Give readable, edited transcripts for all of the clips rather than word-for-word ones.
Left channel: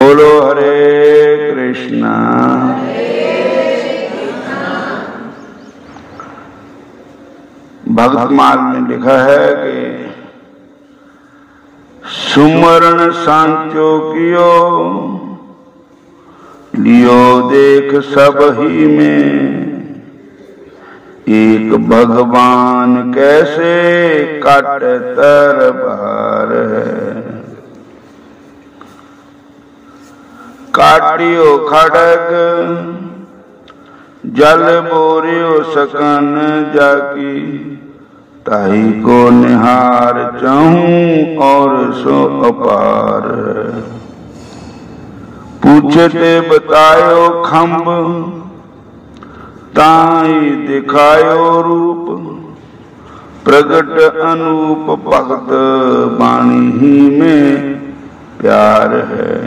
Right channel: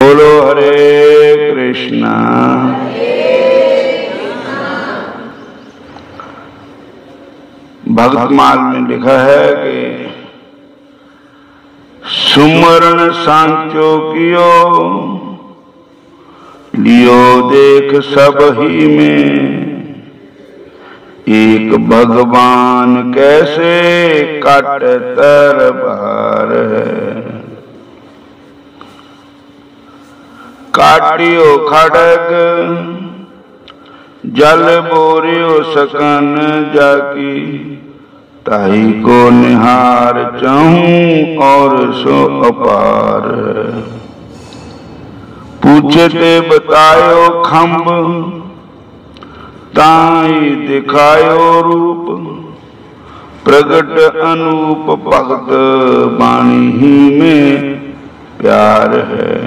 बोलो हरे कृष्णा। भक्तमाल में लिखा है कि सुमरण सांख्यो कियो लियो देख सब ही में, एक भगवान कैसे काट तर बार है। काटियो खड़ग जल बोरियो सकन जाकी, ताही को निहार चाहूं और सो अपार। पूछते बतायो खम्ब ताई दिखायो रूप, प्रगट अनूप भक्त वाणी ही में प्यार है।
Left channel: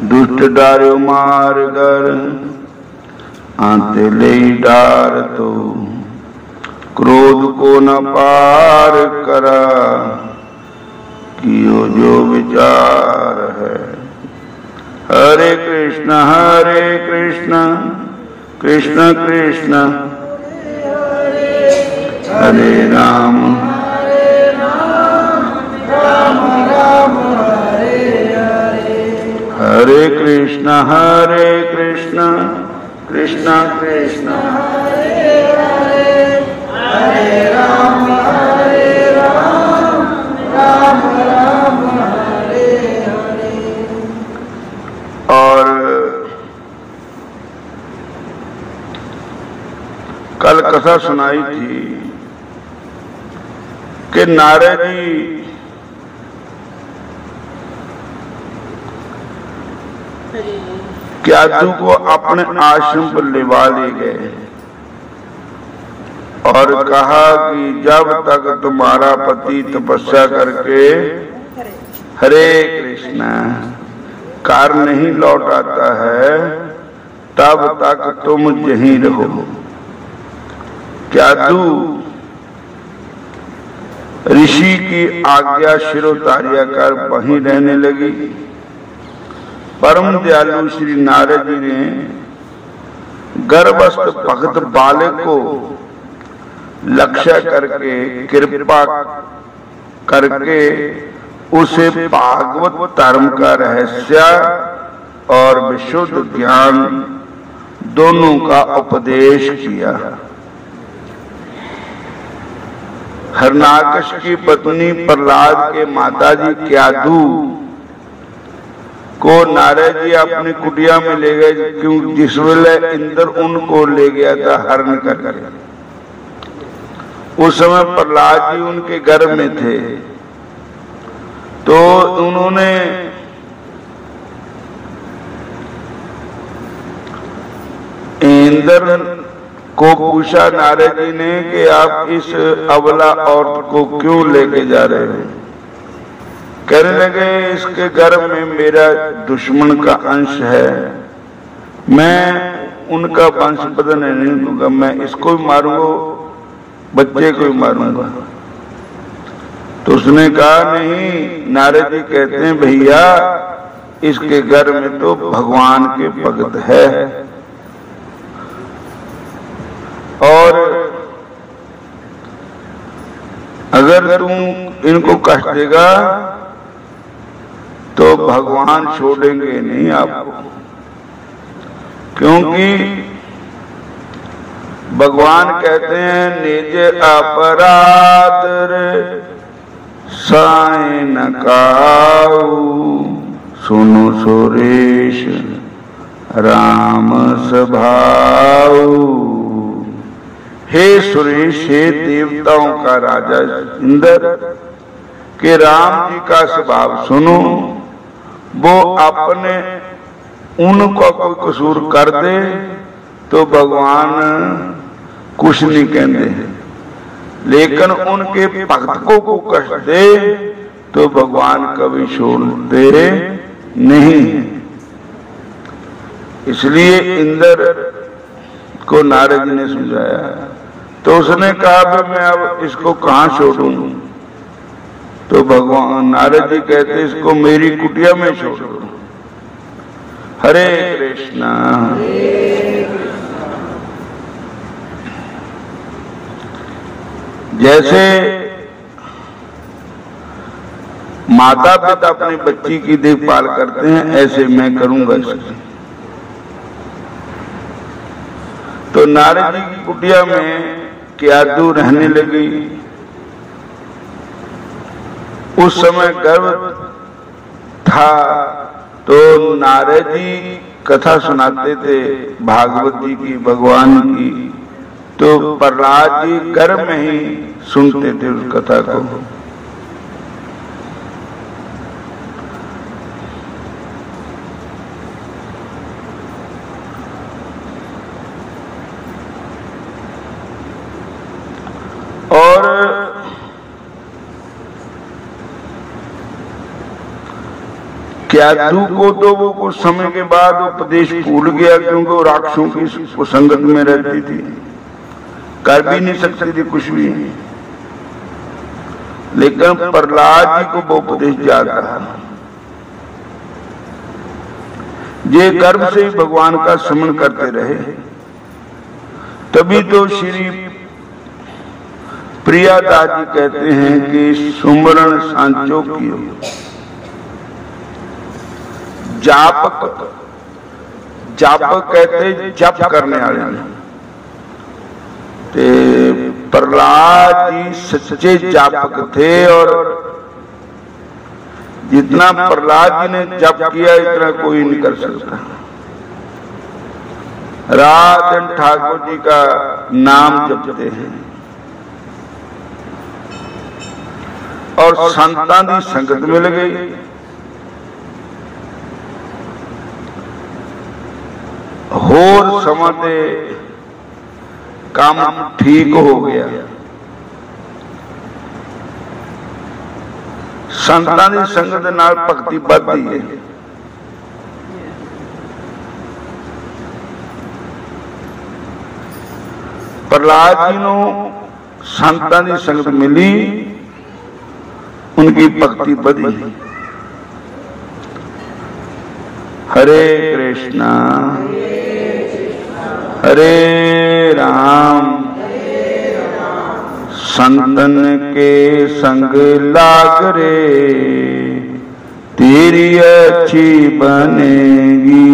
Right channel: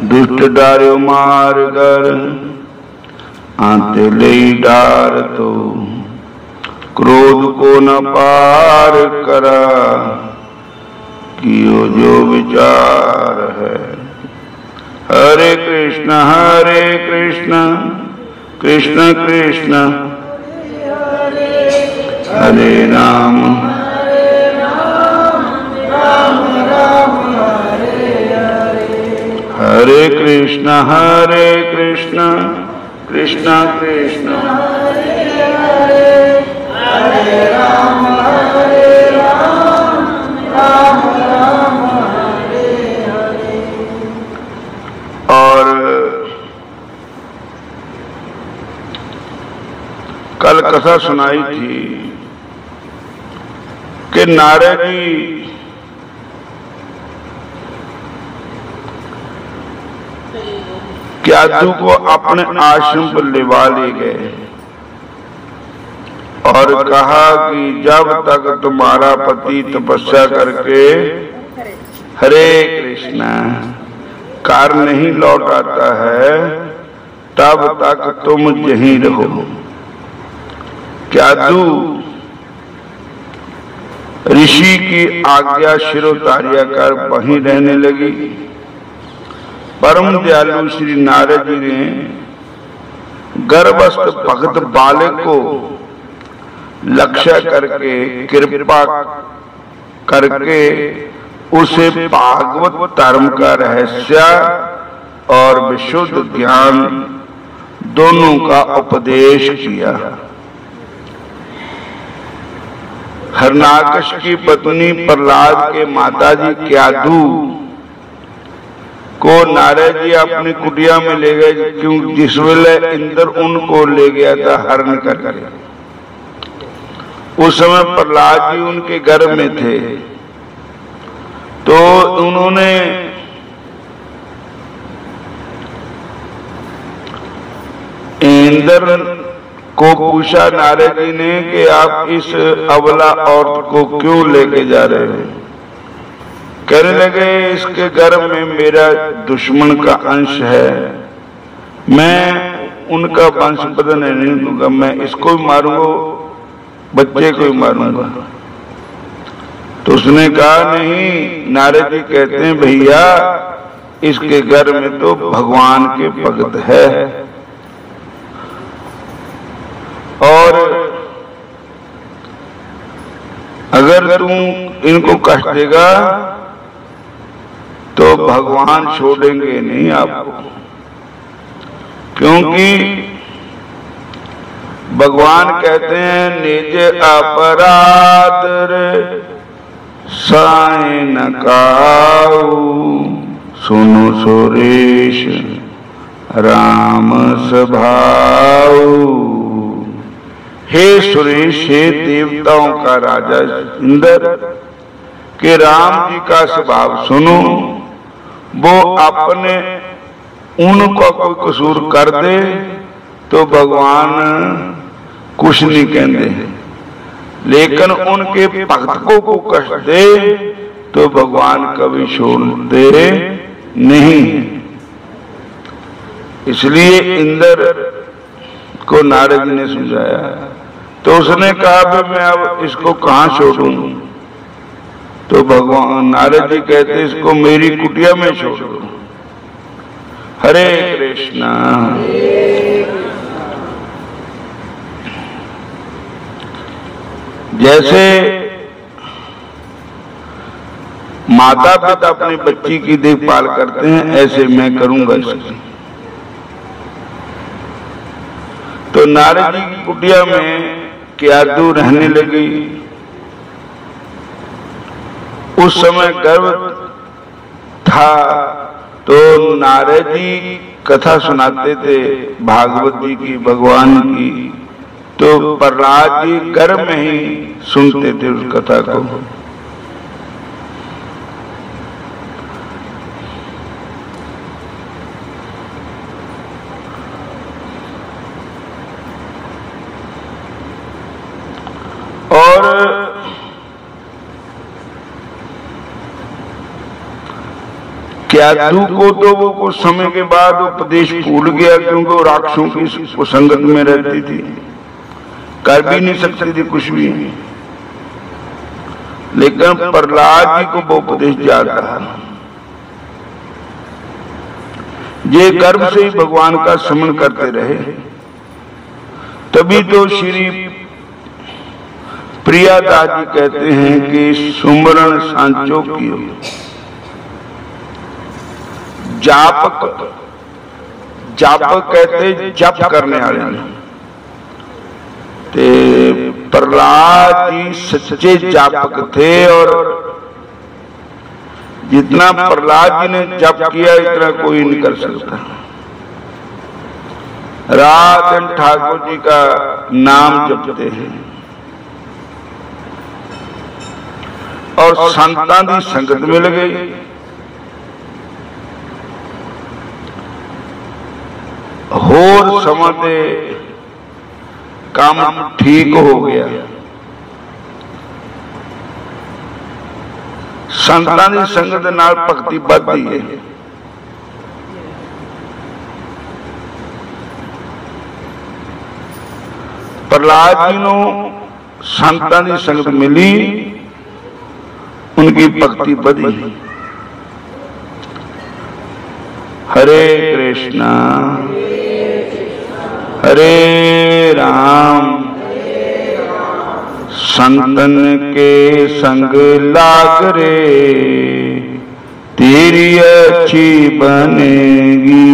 दुष्ट डारो मार कर आते ले डार, तो क्रोध को न पार करा कियो जो विचार है। हरे कृष्ण कृष्ण कृष्ण हरे राम राम राम हरे कृष्ण कृष्ण कृष्ण हरे राम राम राम हरे हरे। और कल कथा सुनाई थी कि नारद जी क्यादू को अपने आश्रम पर लिवा ले गए और कहा कि जब तक तुम्हारा पति तपस्या करके हरे कृष्ण कार नहीं लौट आता है, तब तक तुम यहीं रहो। क्यादू ऋषि की आज्ञा शिरोधार्य कर वहीं रहने लगी। परम दयालु श्री नारद जी ने गर्भस्थ भक्त बालक को लक्ष्य करके कृपा करके उसे भागवत धर्म का रहस्य और विशुद्ध ज्ञान दोनों का उपदेश किया। हरनाकश की पत्नी प्रहलाद के माताजी क्यादू को नारद जी अपनी कुटिया में ले गए, क्यों जिस वेले इंद्र उनको ले गया था हरण कर। उस समय प्रहलाद जी उनके गर्भ में थे, तो उन्होंने इंद्र को पूछा नारद जी ने कि आप इस अबला औरत को क्यों लेके जा रहे हैं। कहने लगे इसके गर्भ में मेरा दुश्मन का अंश है, मैं उनका वंश बदलने नहीं दूंगा, मैं इसको भी मारूंगा, बच्चे को भी मारूंगा। तो उसने कहा नहीं, नारद जी कहते हैं भैया इसके गर्भ में तो भगवान के भक्त है, और अगर तुम इनको कष्ट देगा तो भगवान छोड़ेंगे नहीं आपको, क्योंकि भगवान कहते हैं निज अपराध रे साई न काऊ, सुनो सुरेश राम स्वभाव। हे सुरेश, हे देवताओं का राजा इंद्र के राम जी का स्वभाव सुनो। वो अपने उनको कोई कसूर कर दे तो भगवान कुछ नहीं कहते, लेकिन उनके भक्त को कष्ट दे तो भगवान कभी छोड़ते नहीं। इसलिए इंद्र को नारद जी ने समझाया, तो उसने कहा मैं अब इसको कहाँ छोड़ूं। तो भगवान नारद जी कहते इसको मेरी कुटिया में छोड़ दो। हरे कृष्णा। जैसे माता पिता अपनी बच्ची की देखभाल करते हैं, ऐसे मैं करूंगा इसकी। तो नारद जी की कुटिया में क्यादू रहने लगी। उस समय गर्भ था, तो नारद जी कथा सुनाते थे भागवत जी की, भगवान की। तो प्रहलाद जी गर्भ में ही सुनते थे उस कथा को। और क्यादू को तो वो कुछ समय के बाद उपदेश भूल गया, क्योंकि वो राक्षसों की संगत में रहती थी, कर भी नहीं सकती थी कुछ भी। लेकिन प्रहलाद जी को वो उपदेश याद रहा। ये गर्भ से ही भगवान का स्मरण करते रहे, तभी तो श्री प्रियादास जी कहते हैं कि सुमरण सांचो कियो जापक। जापक कहते जप करने वाले। प्रहलाद जी सच्चे जापक थे, और जितना प्रहलाद जी ने जप किया इतना कोई नहीं कर सकता। रात दिन ठाकुर जी का नाम जपते हैं और संतां दी संगत में लगे। होर समां ते काम ठीक हो गया। संतां दी संगत नाल भगती बढ़दी है। प्रहलाद जी नूं संतां दी संगत मिली, उनकी भक्ति बढ़ी। हरे कृष्णा हरे राम। संतन के संग लाग रे, तेरी अच्छी बनेगी।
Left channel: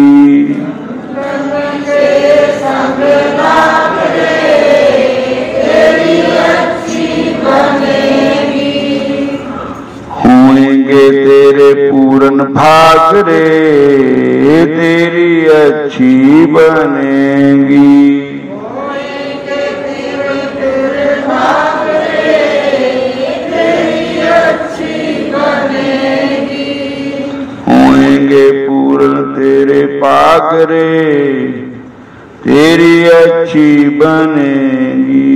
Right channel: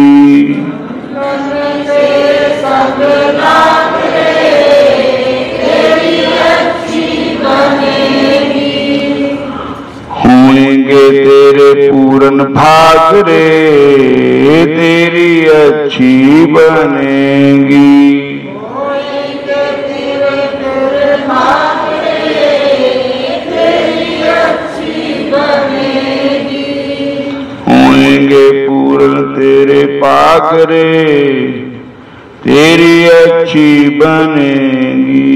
होंगे तेरे पूरन भाग रे, तेरी अच्छी बनेगी। होंगे पूरन तेरे भाग रे, तेरी अच्छी बनेगी।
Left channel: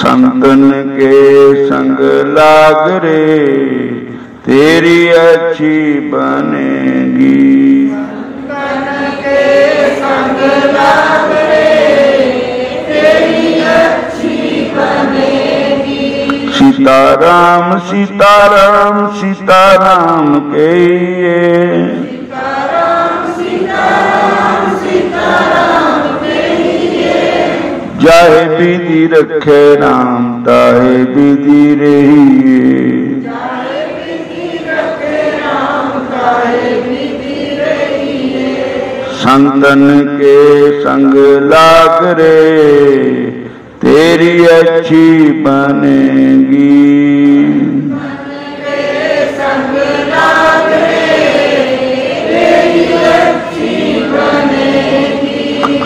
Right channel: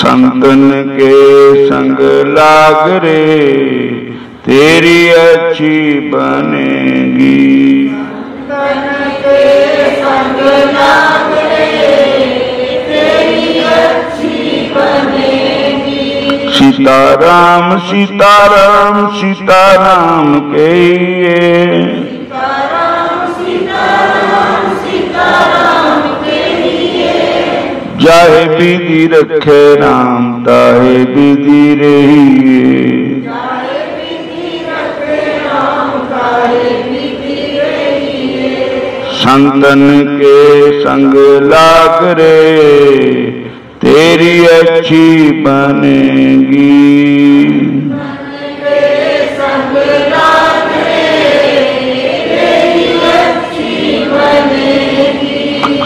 संतन के संग लाग रे, तेरी अच्छी बनेगी। संतन के संग लाग रे, तेरी अच्छी बनेगी। सीताराम सीताराम सीताराम कहिए, जाहे विधि रखे राम, ताहे विधि रहिए। संतन के संग लाग रे, तेरी अच्छी बनेगी।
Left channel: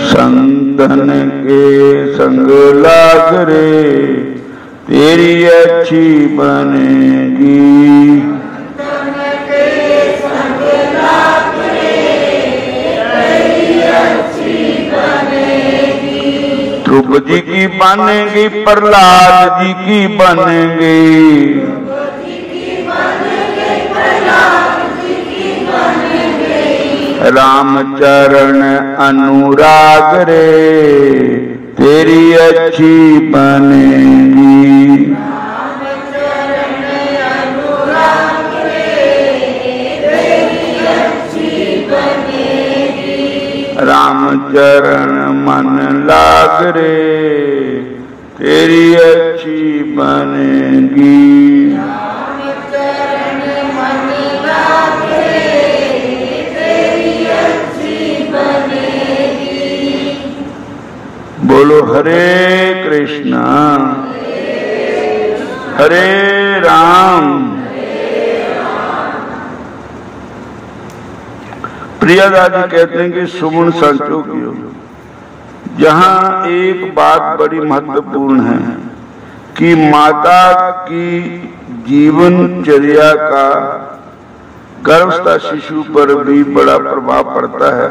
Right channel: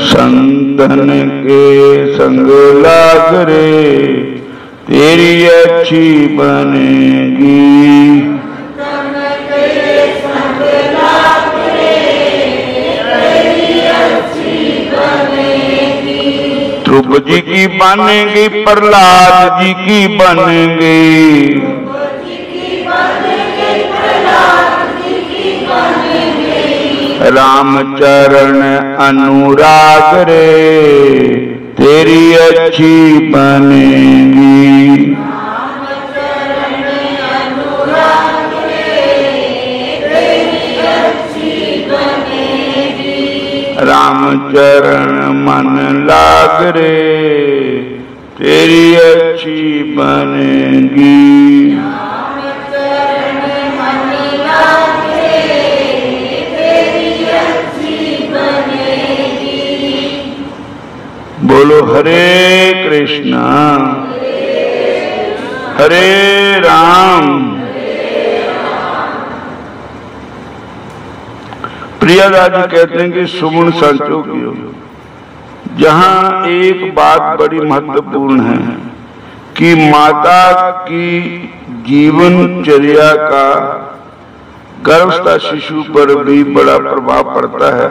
संतन के संग लाग रे, तेरी अच्छी बनेगी। ध्रुव जी की बनेगी, प्रहलाद जी की बनेगी। राम चरण अनुराग रे तेरी अच्छी बनेगी। राम चरण मन लाग रे तेरी अच्छी बनेगी। राम चरण मन लाग रे तेरी अच्छी बनेगी। बोलो हरे कृष्णा हरे राम प्रियदादी कहते हैं कि सुमन संतों की हो, जहां एक बात बड़ी महत्वपूर्ण है कि माता की जीवनचर्या का गर्भस्थ शिशु पर भी बड़ा प्रभाव पड़ता है।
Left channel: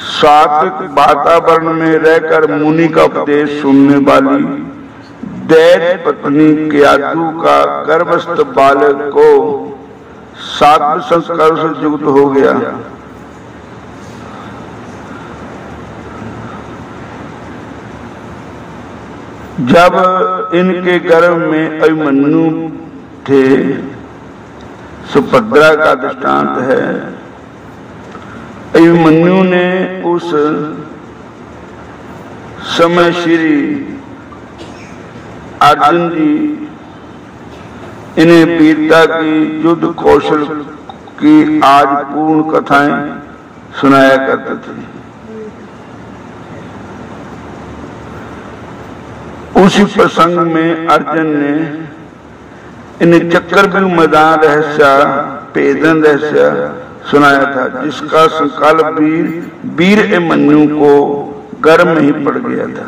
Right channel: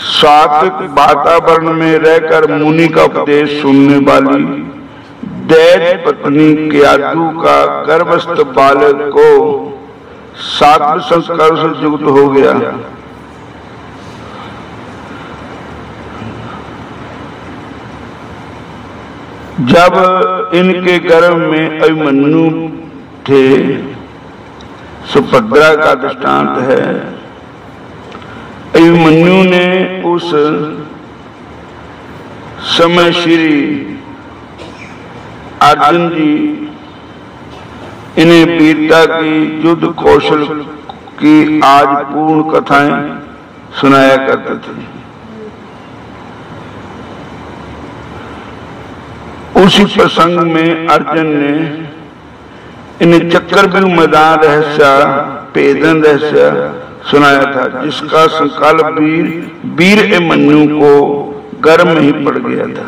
सात्विक वातावरण में रहकर मुनि का उपदेश सुनने वाली दैत्य पत्नी केतु का गर्भस्थ बालक को सात्विक संस्कार से युक्त हो गया। जब इनके गर्भ में अभिमन्यु थे, सुभद्रा का दृष्टांत है। अभिमन्यु ने उस समय श्री अर्जुन जी इन्हें वीरता की युद्ध कौशल की आज पूर्ण कथाएं सुनाया करते थे। उसी प्रसंग में अर्जुन ने इन्हें चक्रव्यूह मैदान रहस्य पेदन रहस्य सुनाया था, जिसका संकल्प वीर अभिमन्यु को गर्भ में ही पड़ गया था।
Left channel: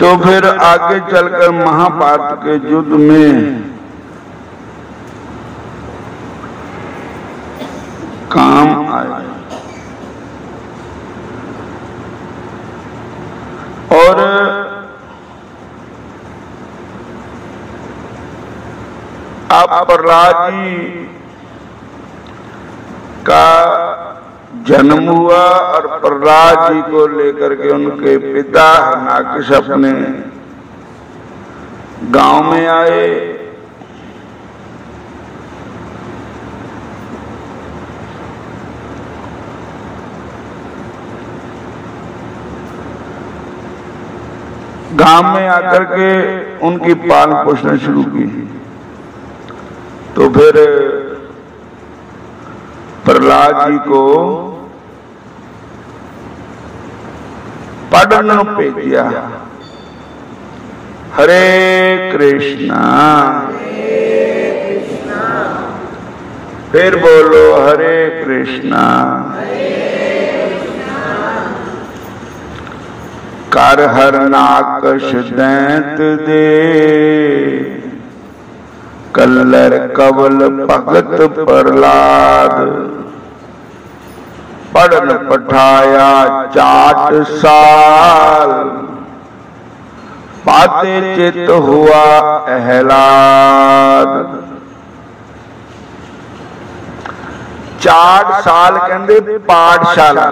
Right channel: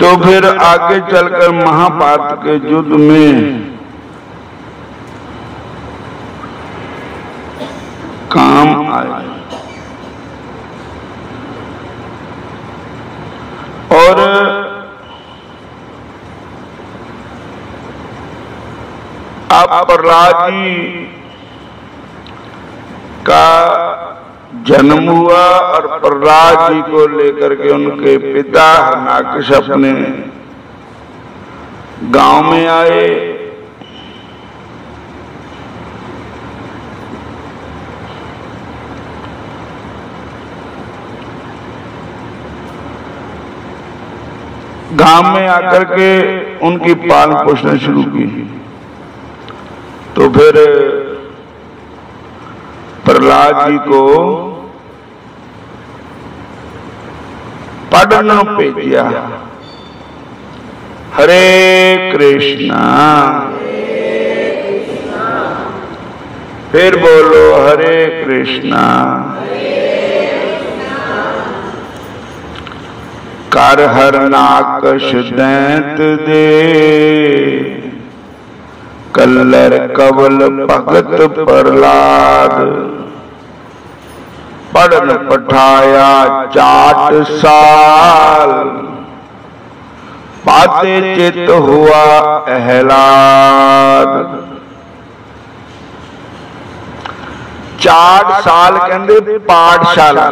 तो फिर आगे चलकर महाभारत के युद्ध में काम आए और अब प्रहलाद जी का जन्म हुआ और प्रहलाद जी को लेकर के उनके पिता हरणाकश अपने गांव में आए। गांव में आकर के उनकी पालन पोषण शुरू की। तो फिर प्रहलाद जी को पढ़ने भेजा। हरे कृष्णा फिर बोलो हरे कृष्णा। कर हरणाकश दैत दे कल्लर कवल भगत प्रहलाद पढ़न पठाया 4 साल पाते चित हुआ अहलाद। 4 साल कहते पाठशाला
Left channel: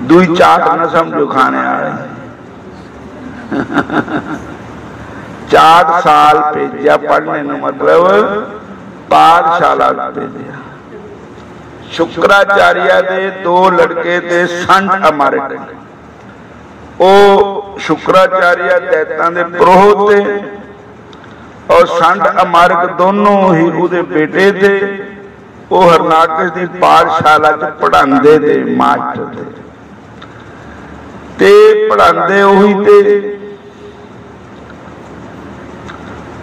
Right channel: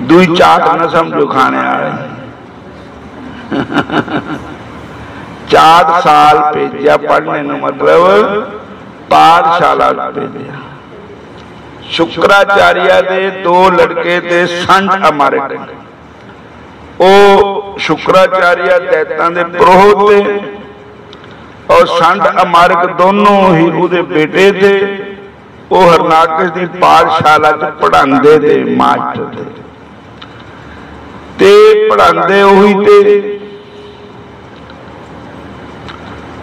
दुई चाट न समझो खाने आ रहे 4 साल भेजा पढ़ने न मतलब पाठशाला भेजा। शुक्राचार्य दे 2 लड़के थे संत हमारे ओ शुक्राचार्य दैतां दे पुरोहित थे और संत अमारक दोनों ही उहदे बेटे थे। वो हरणाकश की पाठशाला च पढ़ांदे थे मास्टर थे ते पढ़ांदे उही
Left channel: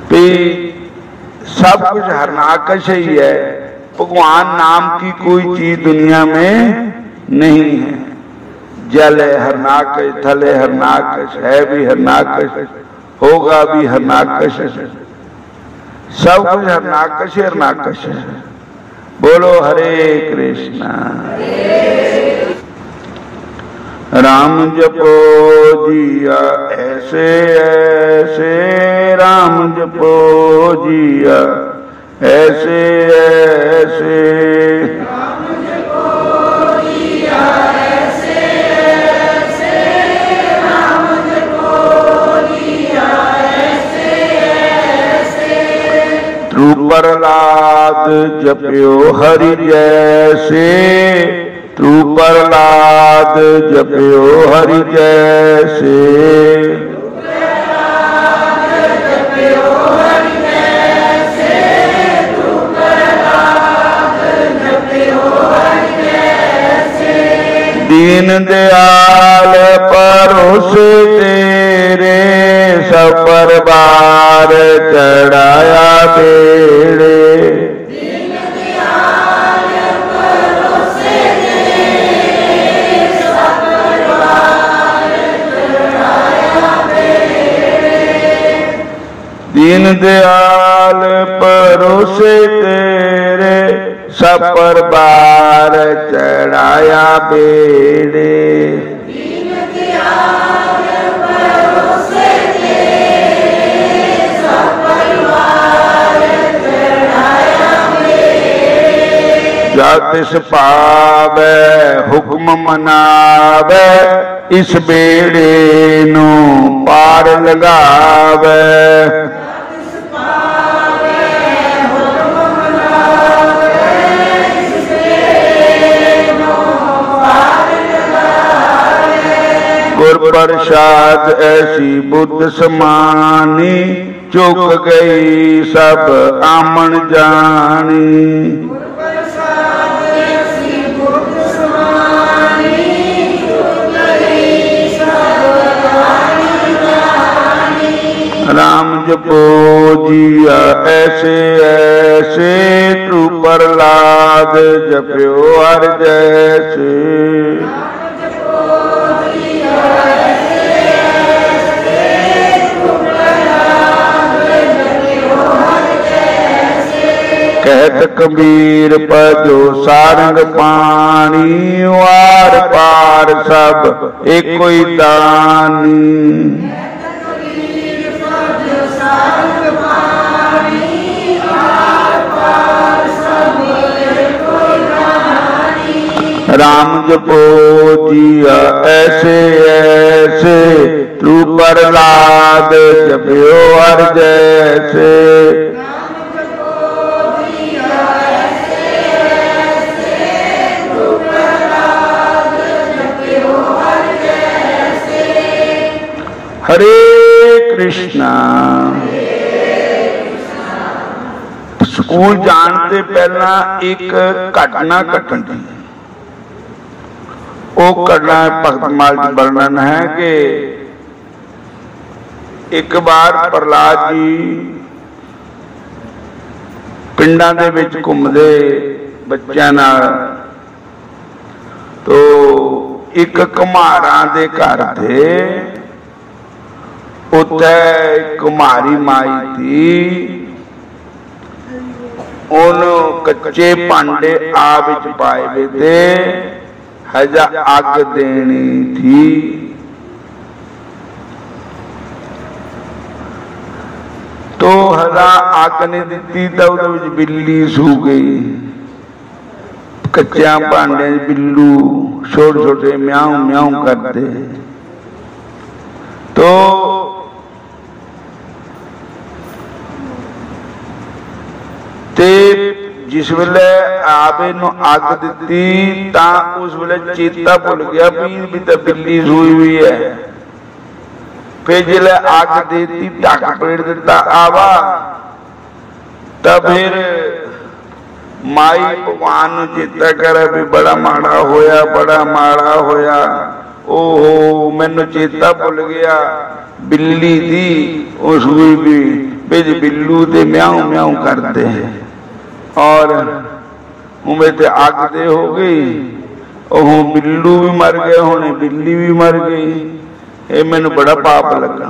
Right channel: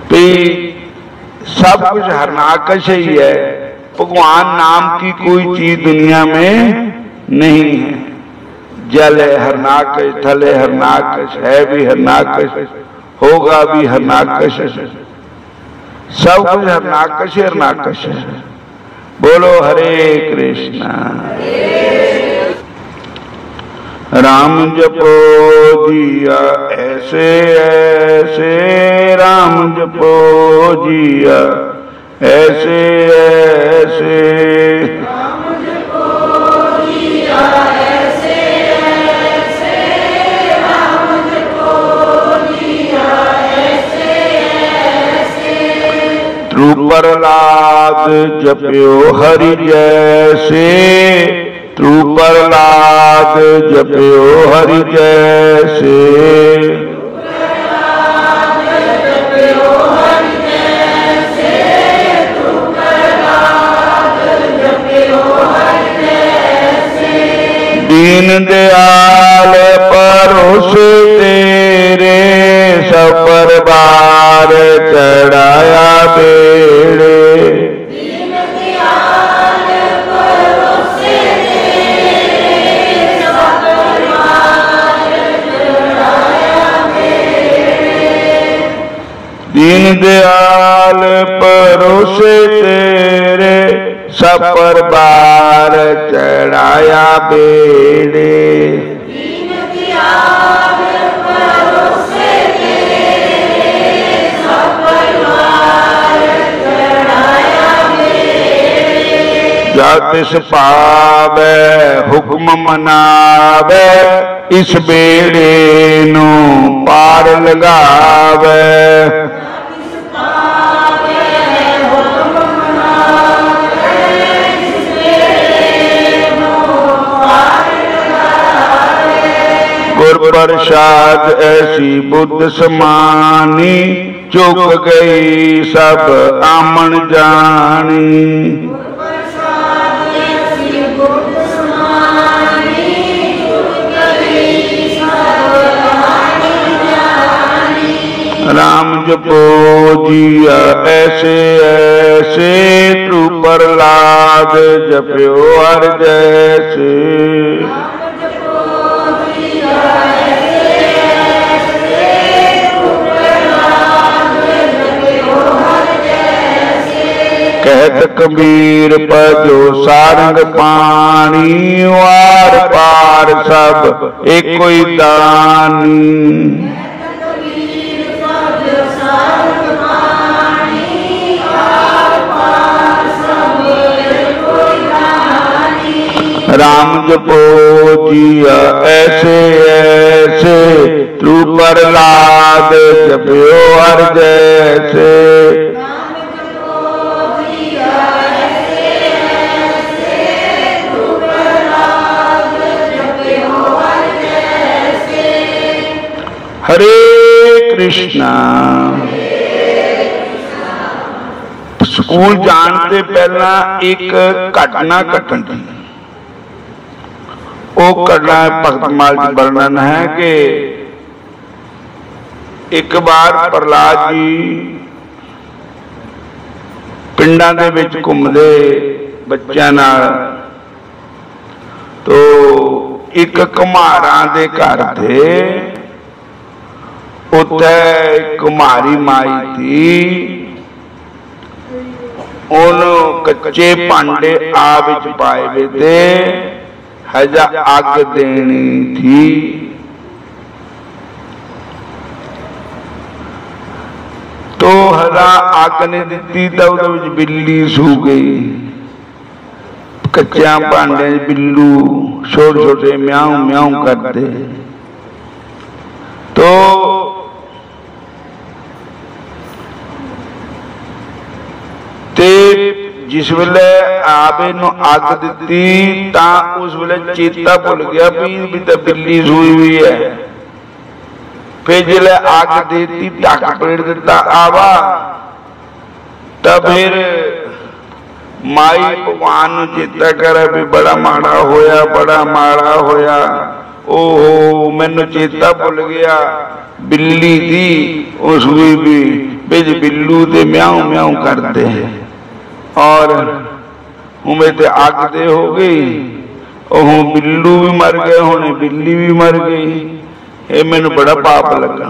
ते सब कुछ हरणाकश ही है। भगवान नाम की कोई चीज दुनिया में नहीं है। जल है हरणाकश, थल है हरणाकश, है भी हरणाकश, होगा भी हरणाकश, सब कुछ हरणाकश हरणाकश है। बोलो हरे कृष्णा। राम जपो जिया ऐसे ऐसे, राम जपो जिया ऐसे ऐसे, राम जपो जिया ऐसे ऐसे, राम जपो जिया ऐसे ऐसे। ध्रुव प्रहलाद जप्यो हरि जैसे, ध्रुव प्रहलाद जप्यो हरि जैसे, दीन दयाल परोसे तेरे, सब परवार चढ़ाया बेड़े। दीन दयाल परोसे तेरे, सब परवार चढ़ाया बेड़े। दीन दयाल परोसे तेरे, सब परवार चढ़ाया बेड़े। दीन दयाल परोसे तेरे, सब परवार चढ़ाया बेड़े। जा तिस पावै हुक्म मनावै, इस बेड़े नू पार लगावै। गुर प्रसाद ऐसी बुद्ध समानी, चुक गई सब आमन जानी। गुर प्रसाद ऐसी बुद्ध समानी, चुक गई सब आमन जानी। राम जपो जिया ऐसे ऐसे, ध्रुव प्रहलाद जप्यो हर जैसे। कहत कबीर पजो सारंग पानी, वार पार सब एको ही दानी। राम जपो जिया ऐसे ऐसे, ध्रुव प्रहलाद जप्यो हर जैसे। हरे कृष्णा। स्कूल जान के पहला एक घटना घटनी, वो घटना भगतमाल का वर्णन है कि एक बार प्रहलाद जी पिंडां दे विच घुमदे बच्चों नाल, तो एक कुम्हारां दे घर थे, उत्थे कुम्हारी माई थी, ओनू कच्चे भांडे आ विच पाए वे थे, हजा अग देनी थी। तो हजा अग ने दी तो उहदे विच बिल्ली सू गई। कच्चा भांडे बिल्लू छोटे छोटे म्याऊ म्याऊ करते। तो ते जिस वेले आपे नू अग दी तां उस वेले चेता भुल गया भी तो बिल्ली सूई हुई है। फिर जिले अग देती ढक पेड़ दिता आवा, तब फिर माई भगवान नू चेता करे भी बड़ा माड़ा होया, बड़ा माड़ा होया। ओहो मैनू चेता भुल गया, बिल्ली थी वो सूई भी बिच बिल्लू ते म्याऊ म्याऊ करते हैं और उमे ते अग दे हो गई। ओह बिल्लू भी मर गए, होने बिल्ली भी मर गई। ये मैनू बड़ा पाप लगा।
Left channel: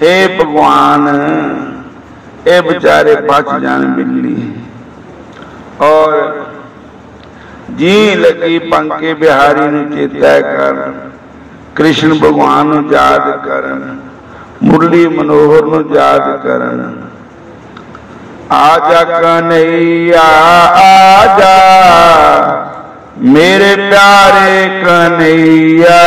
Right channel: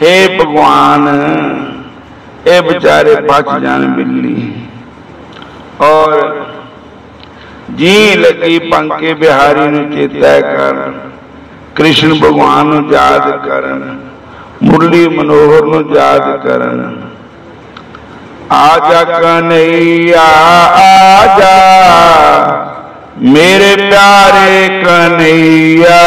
हे भगवान ये बेचारे बच जाने बिल्ली। और जी लगी पंके बिहारी नूं चेता कर, कृष्ण भगवान नूं याद करन, मुरली मनोहर नूं याद करन। आजा कन्हैया आजा मेरे प्यारे कन्हैया,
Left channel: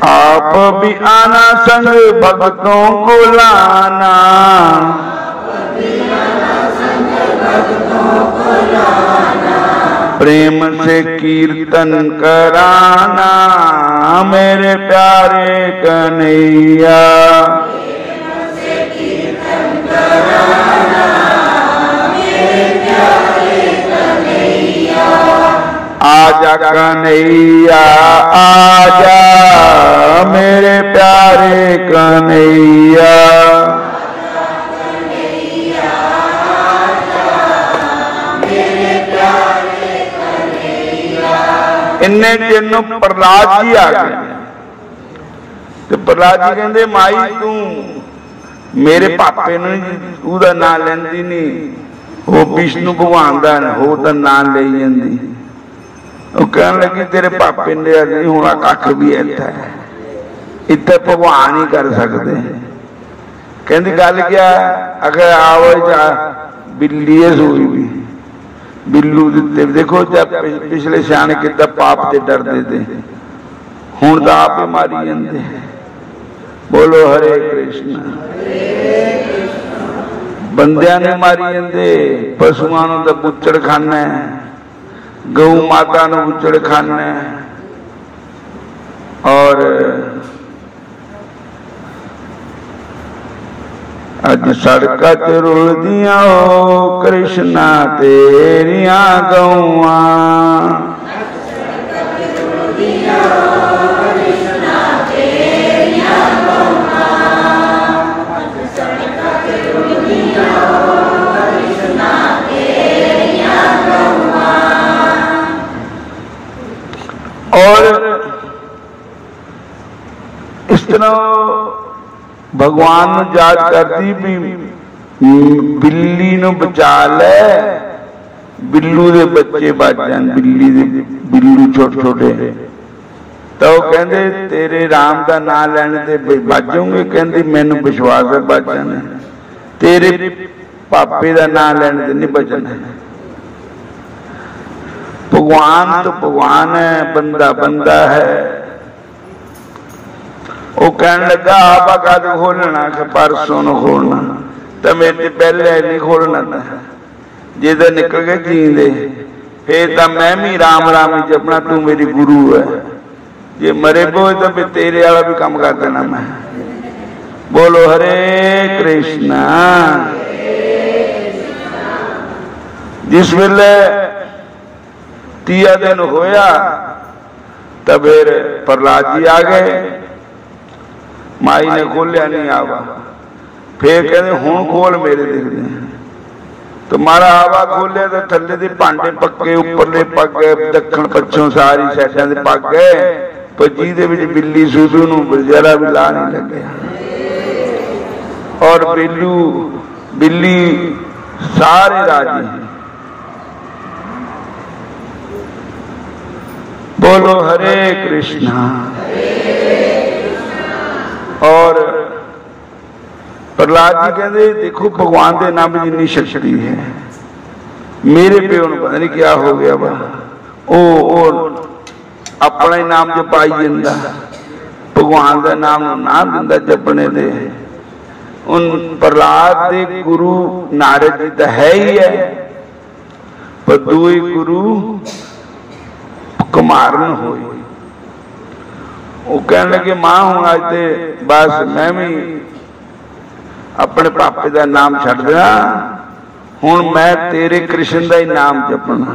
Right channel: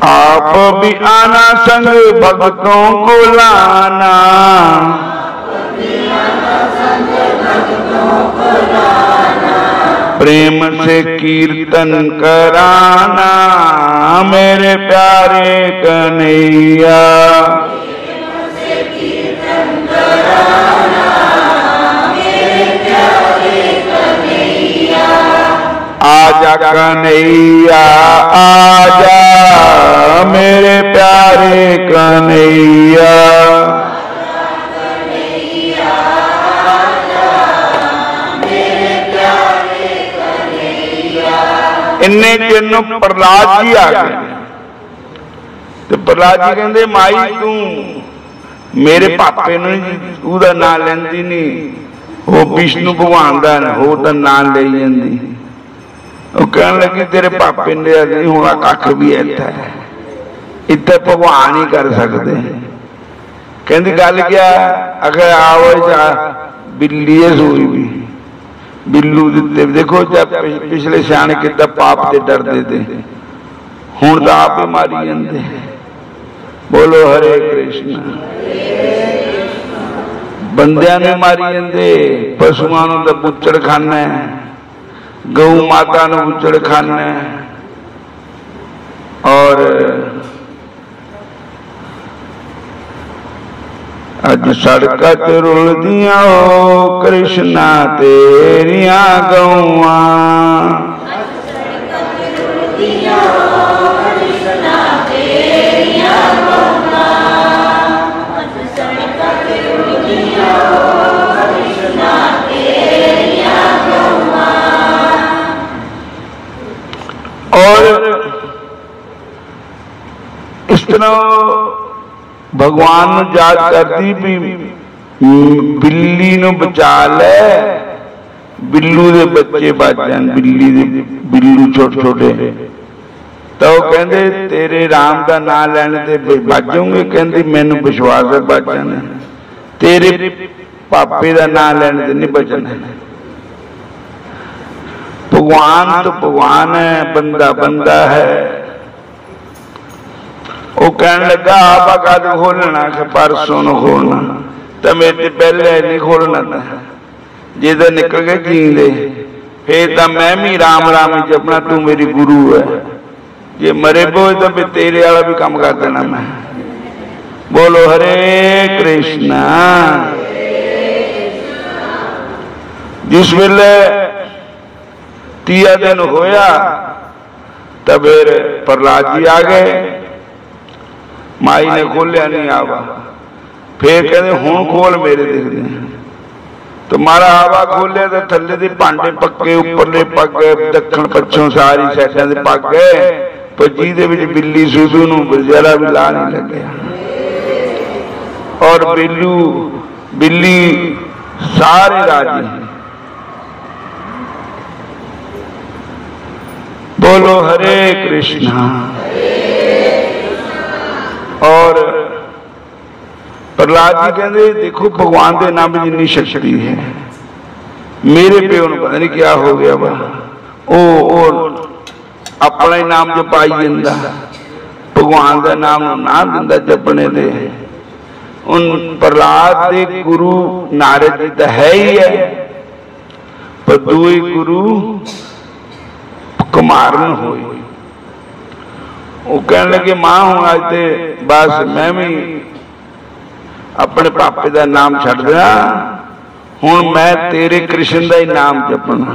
आप भी आना संग भक्तों को लाना, प्रेम से कीर्तन कराना मेरे प्यारे कन्हैया। आजा कन्हैया आजा मेरे प्यारे कन्हैया, इन्ने चिन्ह प्रहलाद जी आ गए। तो प्रहलाद जी कहते माई तू मेरे पापे नूं नां लैंदी नहीं, वो विष्णु भगवान का हो तो नां ले जांदी। वो कहने लगी तेरे पापे ने नहीं होना कख भी इत्थे भगवान ही कर सकते। कहती गल क्या, अगर आओ बिल्ली है सोई भी बिल्लू दिते। देखो जब पिछले सियाने कितना पाप से डरते थे, हुण तो आप ही मारी जाते। बोलो हरे कृष्ण। बंदियां ने मारी जाते, पशुओं नूं तो बुच्चड़ खाना है, गौ माता नूं बुच्चड़ खाना है। और अज सड़का ते रुलदियां ओ कृष्णा तेरिया गौआ, और इस तरह भगवान याद करती भी बिल्ली नूं बचा ले, बिल्लू दे बच्चे बच जान, बिल्ली दे बिल्लू छोटे छोटे। तो कहते तेरे राम का नाम लैने ते बच जाऊंगे। कहती मैनू विश्वास है बच जाने, तेरे पापे का नाम लैने ते नहीं बचना। भगवान तो भगवान है, बंदा बंदा है। वो कहने लगा आपा कद खोलना, परसों न खोलना, तो मेरे पहले नहीं खोलना था। जिधर निकल गए जींदे फिर तो मैं भी राम राम ही जपना, तू मेरी गुरु है। जे मरे बोझ तो फिर तेरे वाला भी काम कर देना मैं। बोलो हरे कृष्णा। जिस वेले 30 दिन होया तब फिर प्रहलाद जी आ गए। माई ने खोलिया नहीं आवा, फिर कहते हुण खोल मेरे दिखदे। तो मारा आवा खोलिया तो थल्ले दे भांडे पक्के, उपरले पक गए, दक्षिण पश्चिम सारी साइडां दे पक गए, पर जिहदे विच बिल्ली सूसू नूं जरा भी ला नहीं लगे। और बिल्ली सारे राजी। बोलो हरे कृष्णा। और प्रहलाद जी कहते देखो भगवान के नाम में जितनी शक्ति है, मेरे प्यो को पता नहीं क्या हो गया वा, ओ अपना ही नाम जो पाई जाता, भगवान का नाम ना दिंदा जपने दे। उन प्रहलाद के गुरु नारद जी तो है ही है, पर दुई गुरु कुमारन होए। वो कहने लगे मां हूं आज ते बस मैं भी अपने पापे का नाम छड़ दिया, हुण मैं तेरे कृष्ण का ही नाम जपना।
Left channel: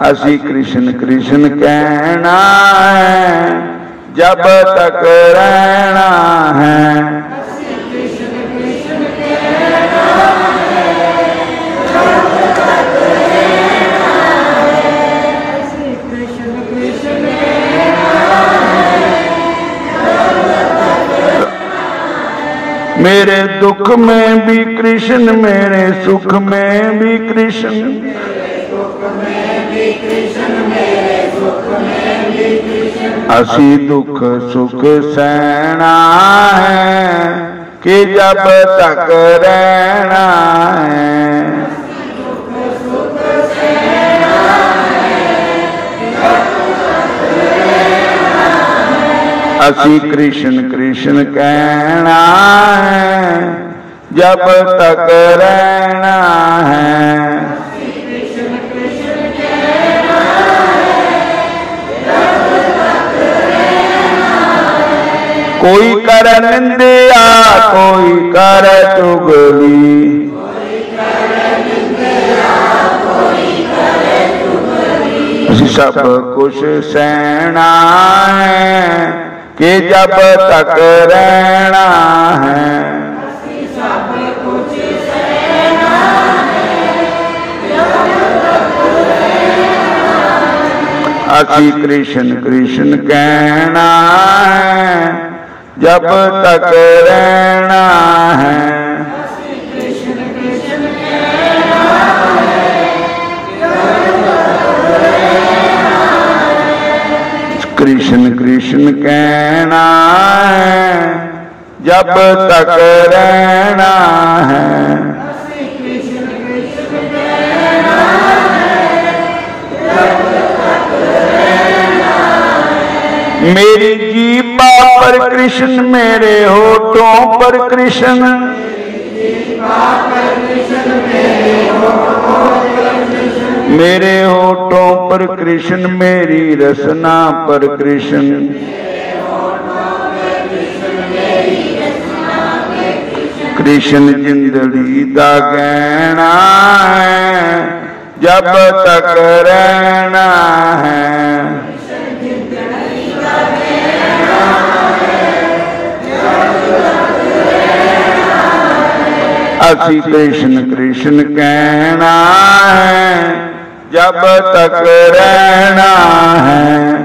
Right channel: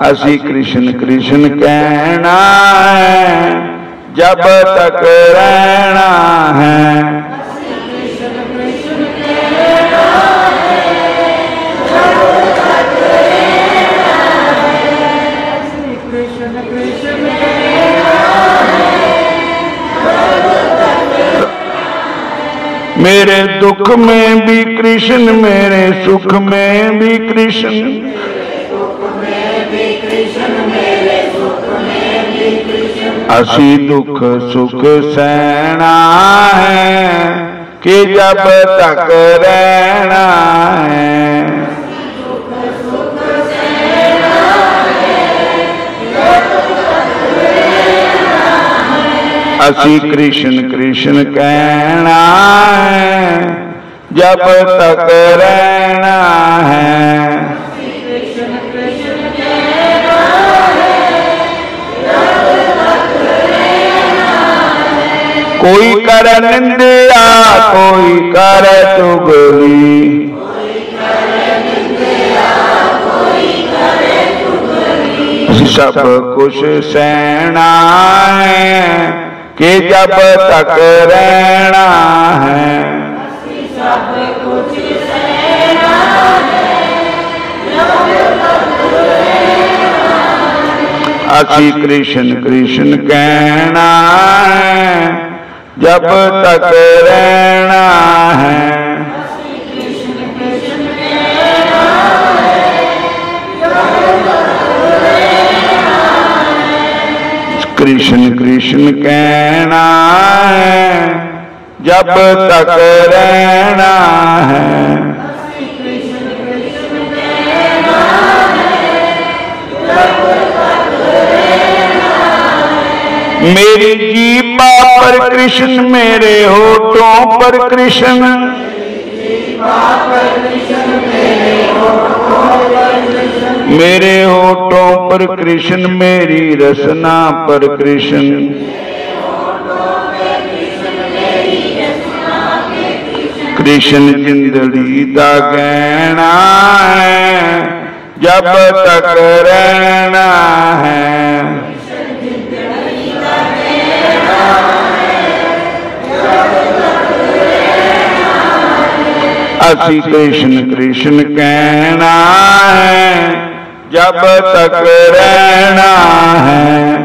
असी कृष्ण कृष्ण कहना है जब तक रहना है, जब तक मेरे दुख में भी कृष्ण, मेरे सुख में भी कृष्ण, असी दुख सुख सहना है कि जब तक रहना है। असी कृष्ण कृष्ण कहना है जब तक रहना है। कोई कर निंदिया कोई कर चुगली, सब कुछ सहना है कि जब तक रहना है। असी कृष्ण कृष्ण कहना है जब तक रहना है। कृष्ण कृष्ण कहना है जब तक रहना है। मेरी जीभा पर कृष्ण, मेरे होठों पर कृष्ण, मेरे होठों पर कृष्ण, मेरी रसना पर कृष्ण, कृष्ण जिंदड़ी दा गहना है जब तक रहना है। असी कृष्ण कृष्ण कहना है जब तक रहना है।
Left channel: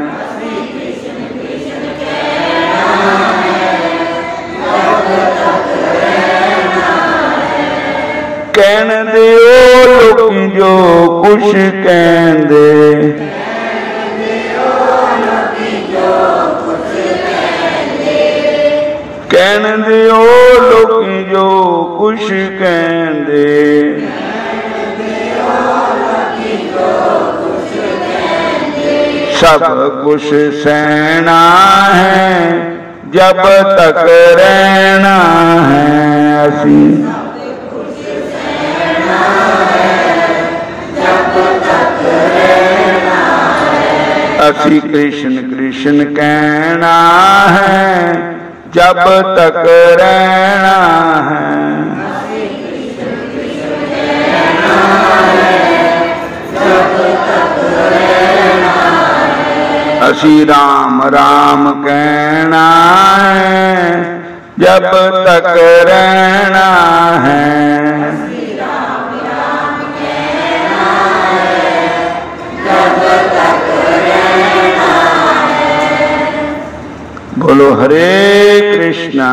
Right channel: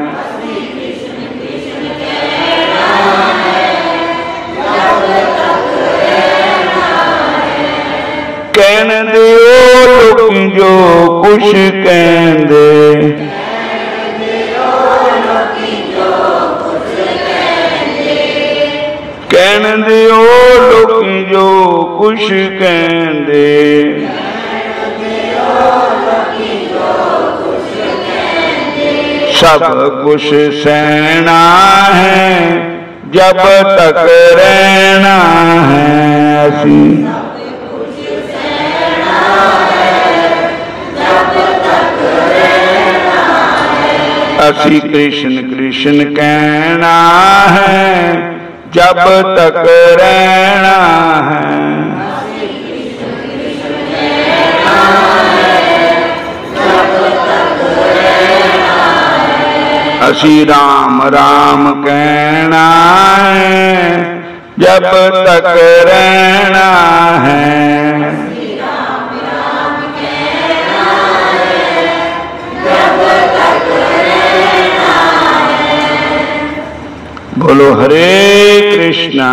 कहने दे लोग जो कुछ कहते, कहने दे लोग जो कुछ कहते, सब कुछ सहना है जब तक रहना है। असी कृष्ण कृष्ण कहना है जब तक रहना है। असी राम राम कहना है जब तक रहना है। बोलो हरे कृष्णा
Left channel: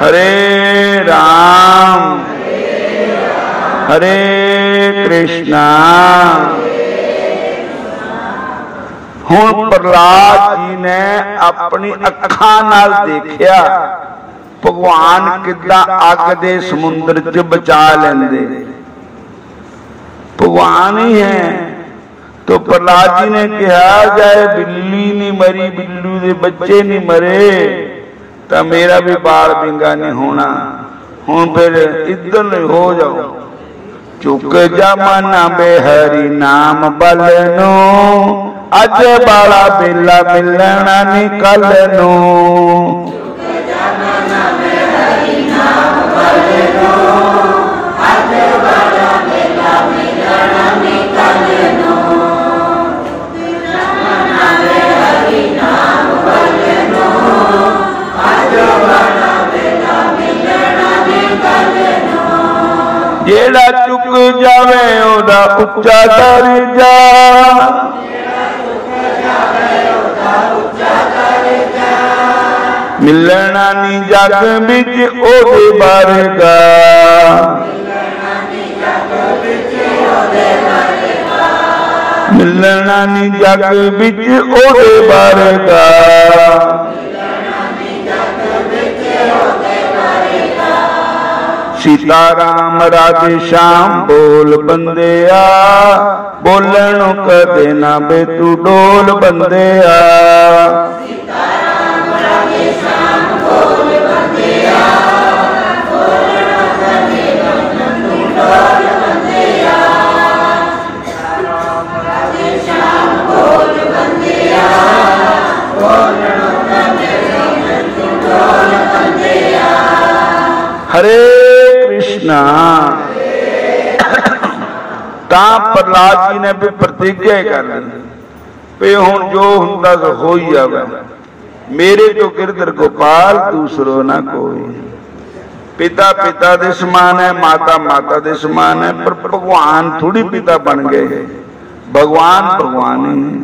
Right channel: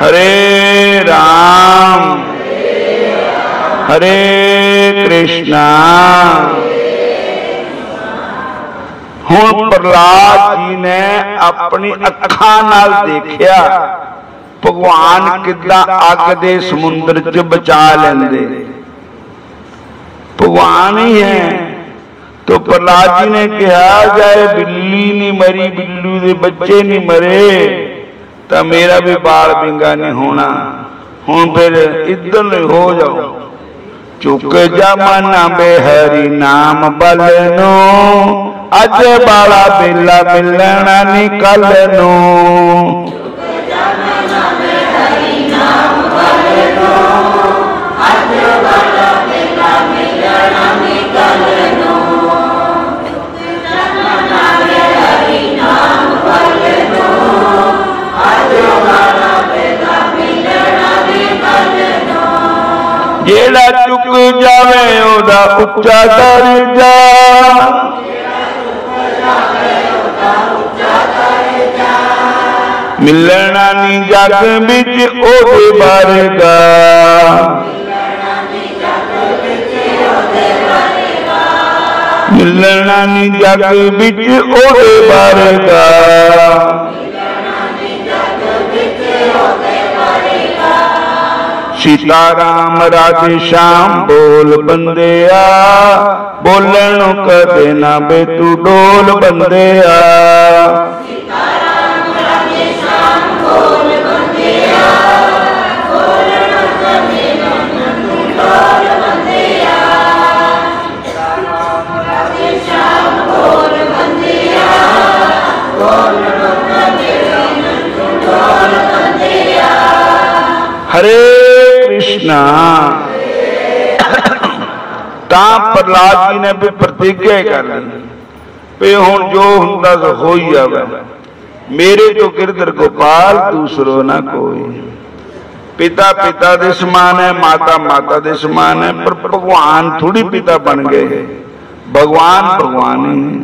हरे राम हरे कृष्णा। हुण प्रहलाद जी ने अपनी अखां नाल देखिया भगवान किद्दां अग दे समुंदर च बचा लेंदे, भगवान ही है। तो प्रहलाद जी ने कहा जाए बिल्ली नहीं मरी, बिल्लू के बच्चे नहीं मरे तो मेरा भी बाल बिंगा नहीं होना। हुण फिर इधर हो जाओ। चुक जा मना बेहरी नाम बलनो, अज बाला बेला मिलना निकल नो। जेड़ा चुक जावे ओदा उच्चा दर्जा, मिलना नी जग बिच ओदे बारेगा, मिलना नी जग बिच ओदे बारेगा। सीता राम राधे श्याम बोल बंदेया, बोलन कदे ना बे तू डोल बंदेया। हरे कृष्णा। तां प्रहलाद जी ने भी प्रतिज्ञा कर ली भी हुण जो हुंदा सो हो ही जावे, मेरे तो गिरधर गोपाल दूसरो ना कोई। पिता पिता दे समान है, माता माता दे समान है, पर भगवान थोड़ी पिता बन गए। भगवान भगवान ही है,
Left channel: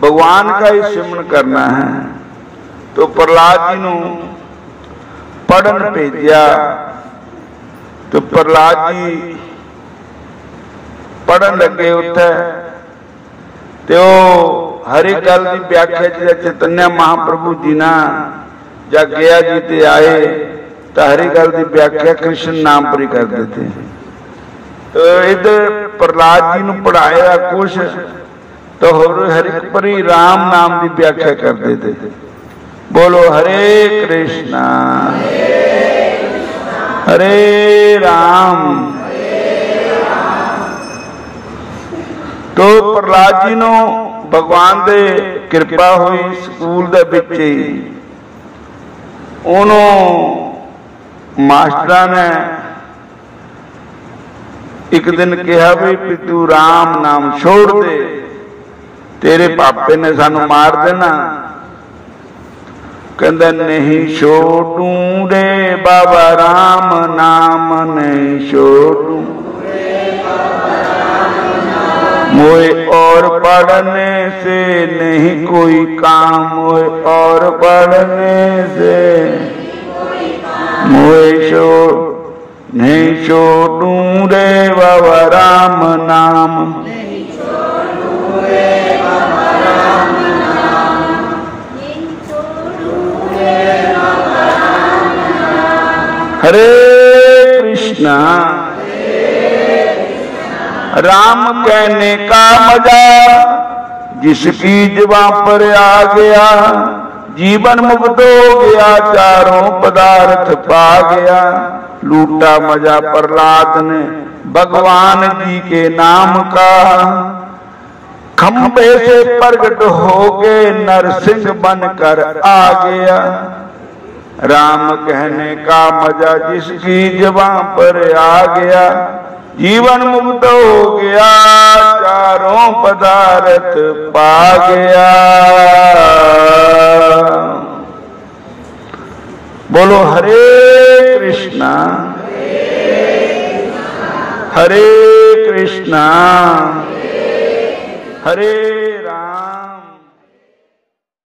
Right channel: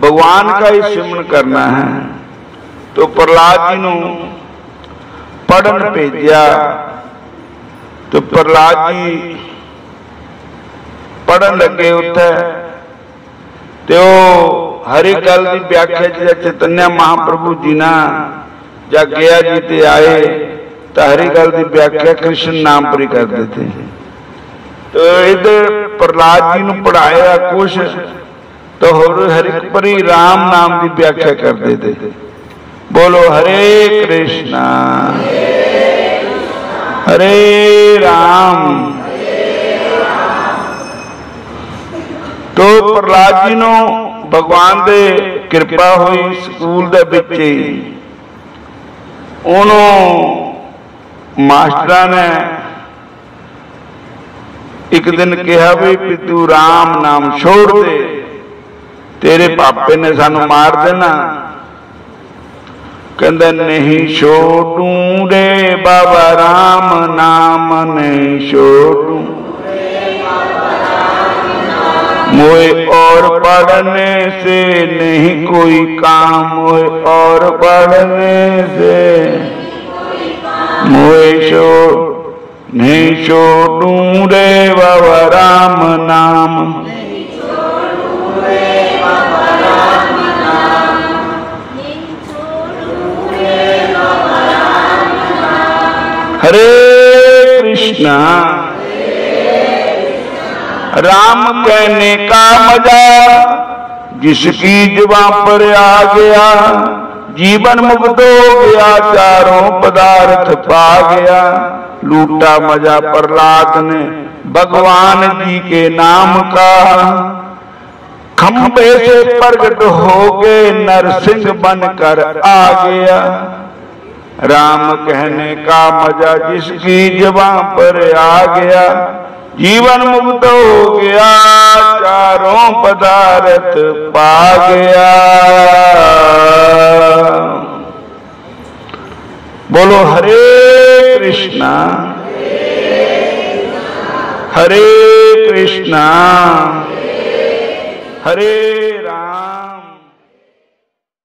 भगवान का ही सिमरन करना है। तो प्रहलाद जी नूं पढ़न भेजा, तो प्रहलाद जी पढ़न लगे उत्थे, तो हरी गल की व्याख्या चैतन्य महाप्रभु जी ना जा गया जी ते आए, तो हरी गल की व्याख्या कृष्ण नाम पर ही करते थे। तो इधर प्रहलाद जी ने पढ़ाया कुछ, तो हरि परी राम नाम की व्याख्या करते थे। बोलो हरे कृष्णा हरे राम। तो प्रहलाद जी नूं भगवान दे कृपा हुई, स्कूल दे विच ही उन्हों मास्टरां ने एक दिन कहा भी तू राम नाम छोड़ दे, तेरे पापे ने सानू मार देना। कहंदा नहीं छोड़ू रे बाबा राम नाम नहीं छोड़ू, मोए और पढ़ने से नहीं कोई काम, मोए और पढ़ने से मोए नहीं छोड़ू रे बाबा राम नाम। हरे कृष्णा। राम कहने का मजा जिसकी जुबान पर आ गया, जीवन मुक्त हो गया, चारों पदार्थ पा गया। लूटा मजा प्रहलाद ने भगवान जी के नाम का, खंबे से प्रकट हो गए नरसिंह बनकर आ गया। राम कहने का मजा जिसकी जुबान पर आ गया, जीवन मुक्त हो गया, चारों पदार्थ पा गया। बोलो हरे कृष्णा हरे कृष्णा हरे राम।